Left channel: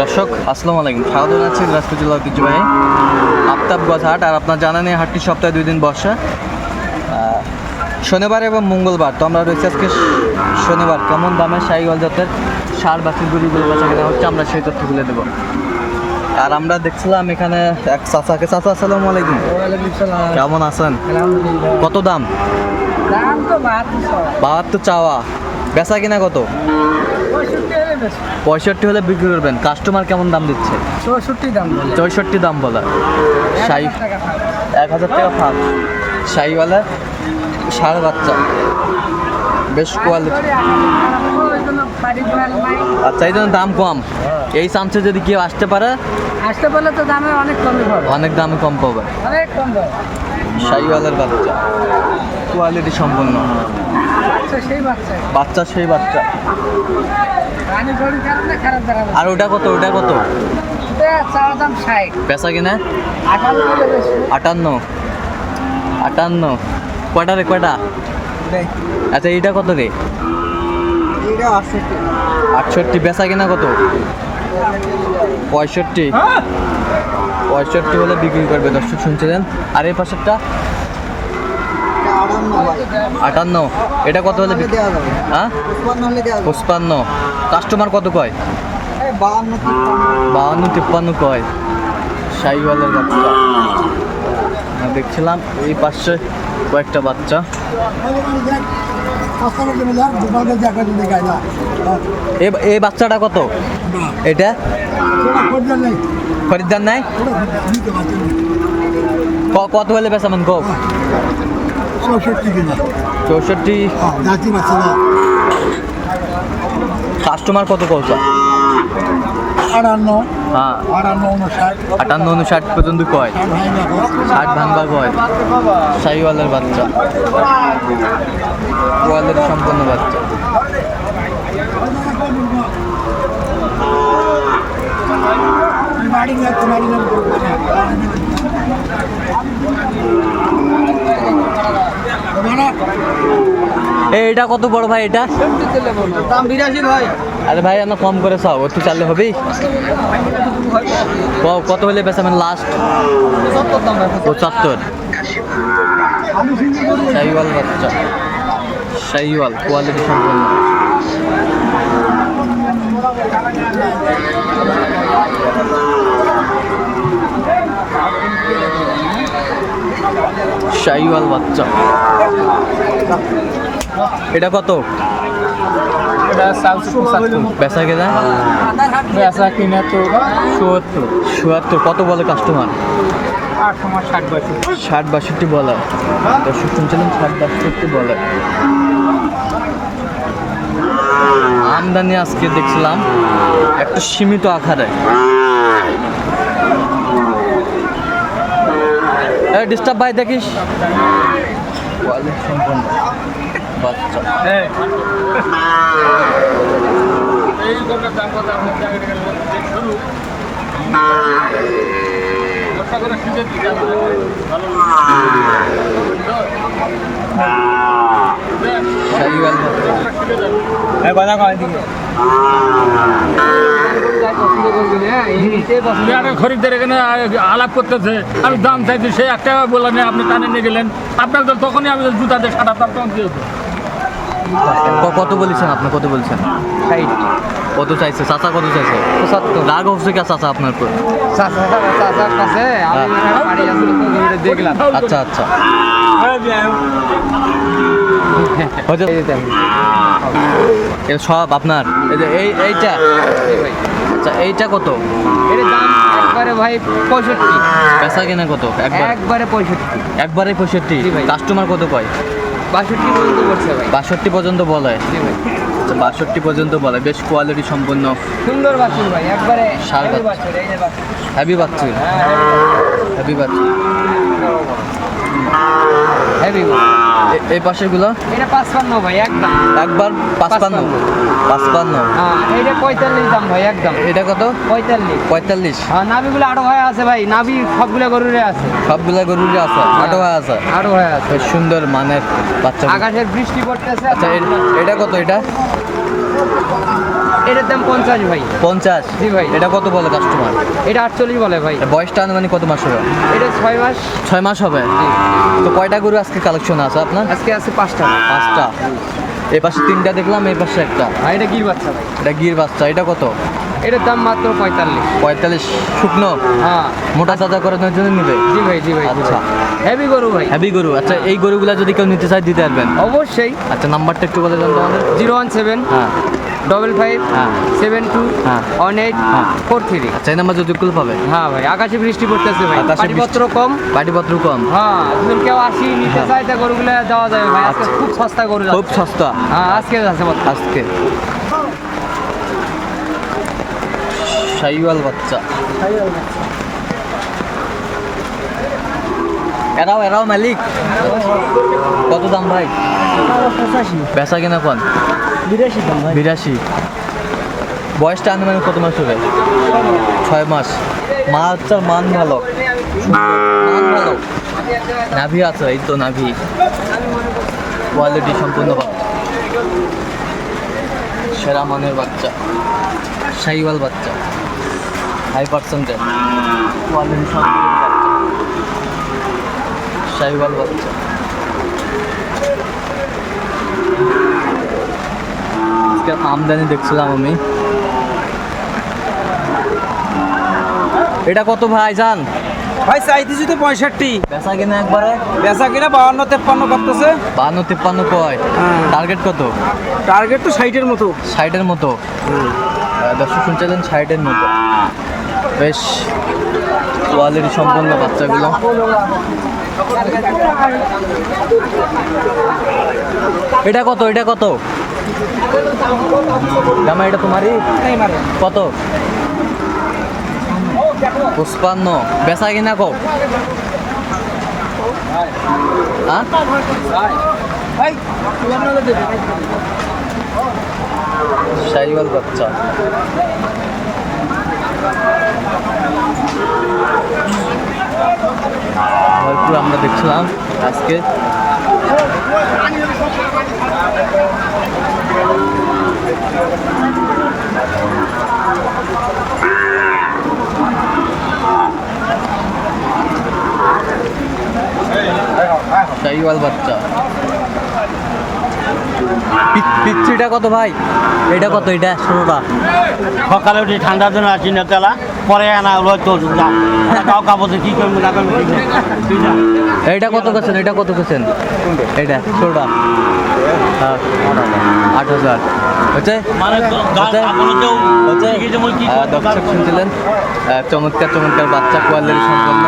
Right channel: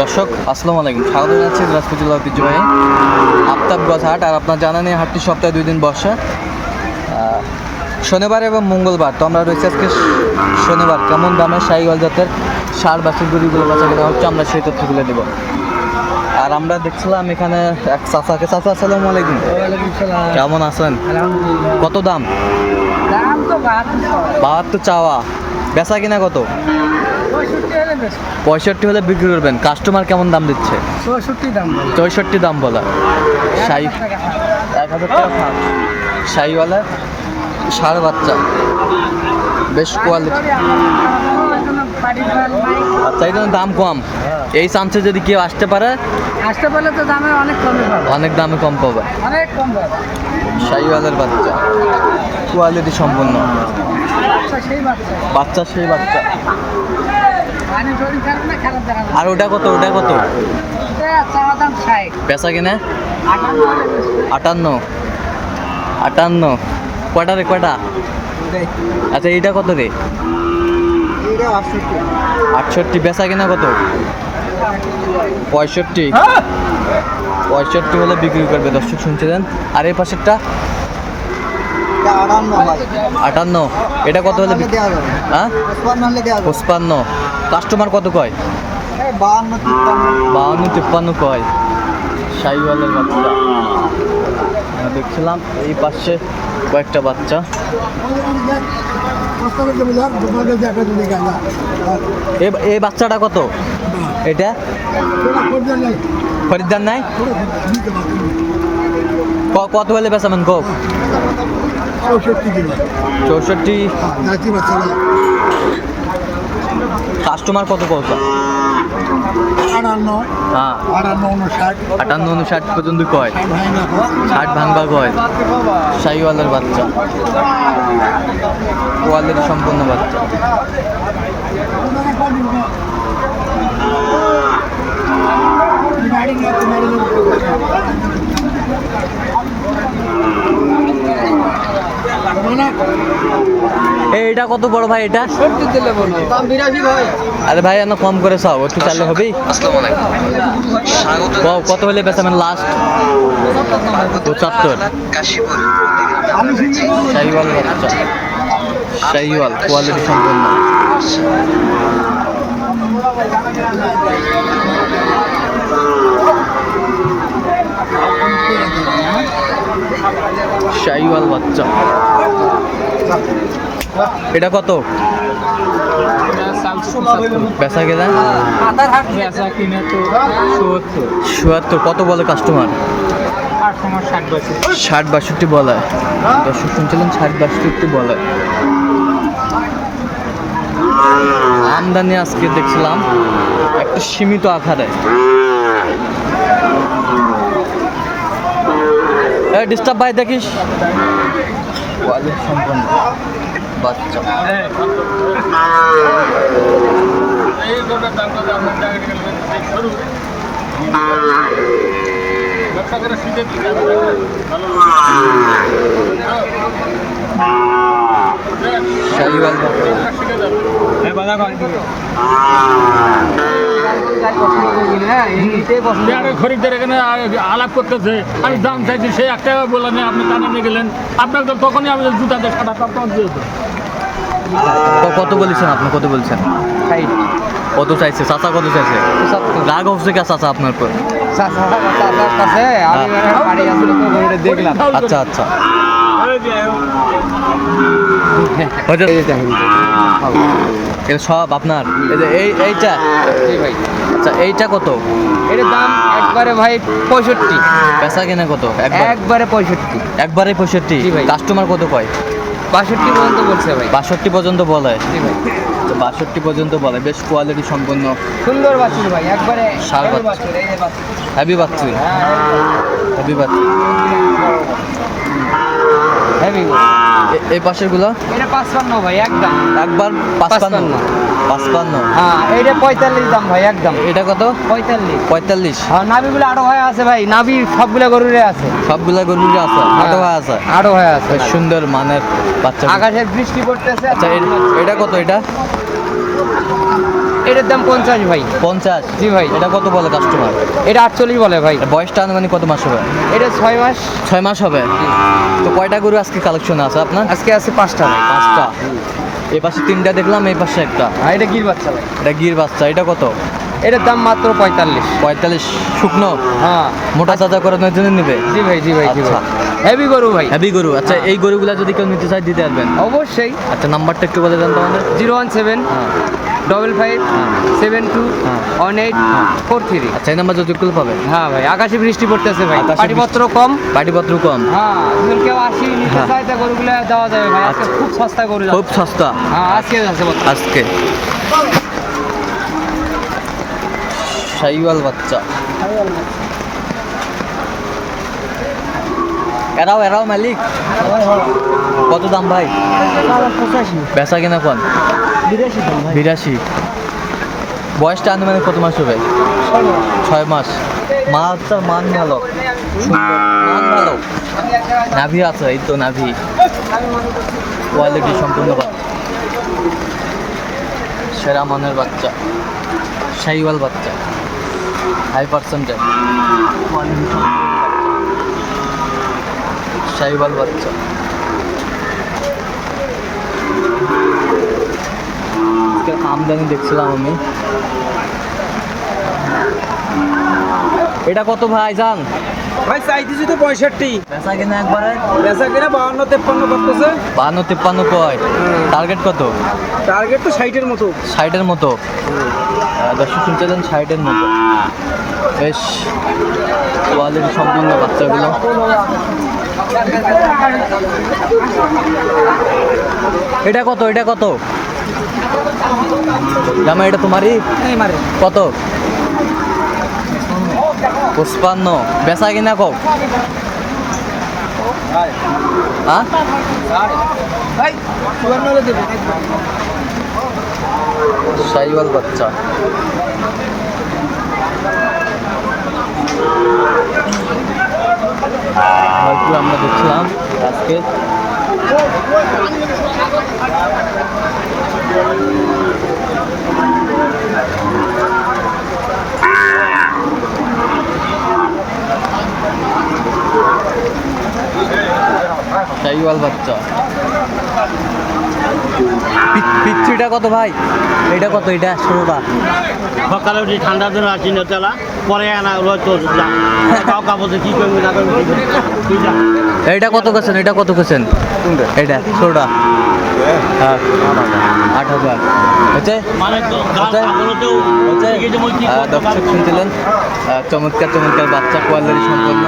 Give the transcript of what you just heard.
দর্শক আসসালামু আলাইকুম। স্বাগত জানাচ্ছি দিনাজপুর জেলা ঐতিহ্যবাহী আফতাবগঞ্জ হাট আর আপনার জানা নেই হাটটি সপ্তাহে দুই দিন বসে। শনিবার এবং মঙ্গলবার তো আমরা রয়েছি আজকে শনিবার। কেমন দামে শাহিওয়াল জাতের সার বাছুর গরুগুলো বেচা কেনা হচ্ছে আমরা সেই তথ্যগুলো দেবো। আর আমরা দেখছিলাম এখানে এক চাচাকে চাচা আসসালামু আলাইকুম। কেমন আছেন? কত দাম? দাম তো বাহাত্তর বাহাত্তর চাওয়া। বেচা কিনা কত? পঁয়ষট্টি হলে বিক্রি করবেন। কাস্টমার কেমন দাম দিচ্ছে? চৌষট্টি দাম চৌষট্টি দাম বলা। শাহি এক হাজার টাকা ফাঁক ষাঁড় বাচ্চা। বেশ কোয়ালিটি। আচ্ছা এই জন্য দাম কম। এই চান্সে যদি কেউ আসতে পারে আসতে পারলে তো দামে অনেক কমে পাবো। অনেক দামে কম পাবে। অনেক কম পাবো। শাহিওয়ালের বাচ্চা। কোয়ালিটি সম্পূর্ণ আচ্ছা সেই বাচ্চা বাচ্চা সেই বাচ্চা। আর ওটা কত? ওটা কত? পেশা কিনা? আটান্ন আটান্ন। কয়টা রে কয়টা? আচ্ছা এইটা কত রে? আটষট্টি। বেচা কিনা কত? পঁয়ষট্টি। পঁয়ষট্টি হলে বিক্রি করবে দর্শক শুনছিলেন? আর এই পাশেরটা? আটান্ন এটা কত হলে হ্যাঁ? পঁচপান্ন। কাস্টমার কত কয়? বাহান্ন তিপ্পান্ন। কয়? শাহিওয়ালের বাচ্চা। দেখছিলাম এই পাশে কয়েকটা বাচ্চা। এই বাচ্চাটা কত? এটা? খরিদ্দার নাই? কত হলে বেচাবেন কো চৌষট্টি কাস্টমার কত কত? আটান্ন। হ্যাঁ। আটান্ন উনষাট। পর্যন্ত কয়? ষাট ভাঙবা কয়? শাহিওয়ালের বাচ্চা। কোয়ালিটি সম্পন্ন বাচ্চা। এইটা কত বড় ভাই এটা? আরে ভাই না কম করে চাও একটু চাললে হবেই ক- কত হলে বেচাবেন লাস্ট পঁচাত্তর। শাহিওয়াল বাচ্চা। শাহিওয়াল কোয়ালিটি সম্পন্ন। শাহিওয়াল বাচ্চা। এটা কত? বেচা কত বলে কাস্টমার ষাট বাষট্টি বলে। দর্শক শুনছিলেন, ষাট বাষট্টি বলে। আমদানি আজকে দেখছিলাম একটা সীমিত আকারে। ডিস্টার্ব ভাই দেখিস। সম্পন্ন। বাচ্চা। শাহিওয়াল বাচ্চা খরিদ্দার এখানে আলাপ করতেছে আমি দাম চাইছি, সে একটা বললেন আপনি কানে নিয়ে গেলেন। আপনার তো তখনই আমি জুতা দিয়ে সাদা তার তখন ক- কত বলেছেন আপনি? কত বলছেন? ষাট। কত চাইছে? চাচা কত চাইছে? রাগ হচ্ছে কে চাচা আপনার উপর? দেখলাম আচ্ছা আচ্ছা। এটা সব আপনার। এই যে এই এইটা? আচ্ছা এইটা কত? একবারে ভাই পঁয়ষট্টি। পেশা কেনা কত? একবার? একবারে পঁয়ষট্টি। একবারে পঁয়ষট্টি। কাস্টমার কত কয়? বাষট্টি পর্যন্ত বলছে ভাই। বাষট্টি পর্যন্ত বলে। আচ্ছা বাষট্টি পর্যন্ত বলে। বেশ কোয়ালিটি সম্পন্ন। সুন্দর বাছুর ভাই একবারে সার বাছুর। বাছুর, এই যে বাছুর। হ্যাভি হ্যাঁ হ্যাভি এই পাশেরগুলো? এটা পাঁচপান্ন ভাই একবার একবার পাঁচপান্ন। পাঁচপান্ন? হ্যাঁ এটা পঁয়তাল্লিশ দাম ভাই একদম। এটা কত? পঁয়তাল্লিশ। পঁয়তাল্লিশ। হ্যাঁ নাভিগুলো আরও হয়ে আছে ভাই নাভি সবগুলা গরুরে আছে। সবগুলা গরুরে আছে? আটো হয় আছে? আরও হয়ে আছে। বেশ সুন্দর মানের বাচ্চা আকাশে বৃষ্টি পড়তেছে আচ্ছা এটা কত এটা? এটার দাম পঞ্চাশ ভাই। পঞ্চাশ? জি ভাই। এটা কত বলে কাস্টমার এটা আটচল্লিশ বলে ভাই। বয়সটা আনুমানিক কত মাস হবে? এটা ছয় মাস। ছয় মাস হবে? তো কয়টা গরু আজকে কালেকশন আছে আপনার? আজকে আছে পাঁচটা। পাঁচটা। এই পাশে তিনটা দেখলাম এই পাশে একটা। এটা গির বাচ্চা ভাই। এটা গির বাচ্চা এটা কত? এটার দাম মাত্র পঁয়তাল্লিশ। পঁয়তাল্লিশ শুকনো? হ্যাঁ। মোটা তাজা করানোর জন্য নিবে? জি ভাই জি ভাই আচ্ছা। হেভি গরু ভাই। হ্যাভি গরু। আচ্ছা এই গরুগুলা যদি কেউ নিতে চায় দিতে পারবেন? অবশ্যই। আচ্ছা নাম্বারটা একটু বলে দেন তো আমাদের জিরো ওয়ান সেভেন। হ্যাঁ। Double five seven two. One eight. Four three আচ্ছা এই নাম্বার যদি কেউ পাবে? হ্যাঁ ভাই আকাশে বৃষ্টি পড়তেছে ভাই। পাটিপত্র কম। পাটিপত্র কম। হ্যাঁ যদি কেউ আসি নিতে হ্যাঁ। চায় তা গরুগুলো দেওয়া যাবে ভাই। আজকে আচ্ছা। খুব সস্তা গরু খুব সস্তা। হ্যাঁ আজকে বর্তমানে। আজকে। শাইওয়াল বাচ্চা। এরাও এরাও মালিক। কত দাম ভাই? বেচা কিনা কোন? বিরাশি বয়সটা আনুমানিক কত মাস হবে? ছয় মাস। মা মাছটার মান ভালো। মান ভালো। নাভি আছে, এই তো নাভি। কোয়ালিটি সম্পূর্ণ বাচ্চা সেরা মানের বাচ্চা। শাইওয়াল বাচ্চা। হাই পার্সেন্টেজ কোয়ালিটি সম্পূর্ণ বাচ্চা। শাইওয়াল বাচ্চা। আজকে আমদানি দেখছিলাম আমি এটা কত ভাই জান ভাই চাইতে যদি পঁয়ষট্টি বেচা কিনা একবারে বেচা কিনা বাউন্ন তেপ্পান্ন করতেছে বান্ন তিপ্পান্ন কয় টার্গেট কত টার্গেট তো ষাটের মতো ষাটের মতো দর্শক শুনছিলেন ষাটের মতো বেশ কোয়ালিটি সম্পূর্ণ বাচ্চাগুলো এটা কত এটা কত জামা এটা তোমারই? কত? পুষ্পান্ন বেচা কিনা কও? হ্যাঁ? বাচ্চা। ভরপুর আমরা দেখছিলাম আজকে। শাইওয়াল বাচ্চা। পিচ্ছিটা কত ভাই? এটা কত? এটা ষোলোটা। সকালে উঠে ঠান্ডার জন্য আসি না তেলা পরে আনা হয়তো কি এটা কত কেছেন এটা কত কেছেন এটা ষোলোটা। হ্যাঁ আট হাজার। মানে দর্শক শুনছিলেন? চমৎকার চমৎকার বাচ্চা কোয়ালিটি সম্পন্ন।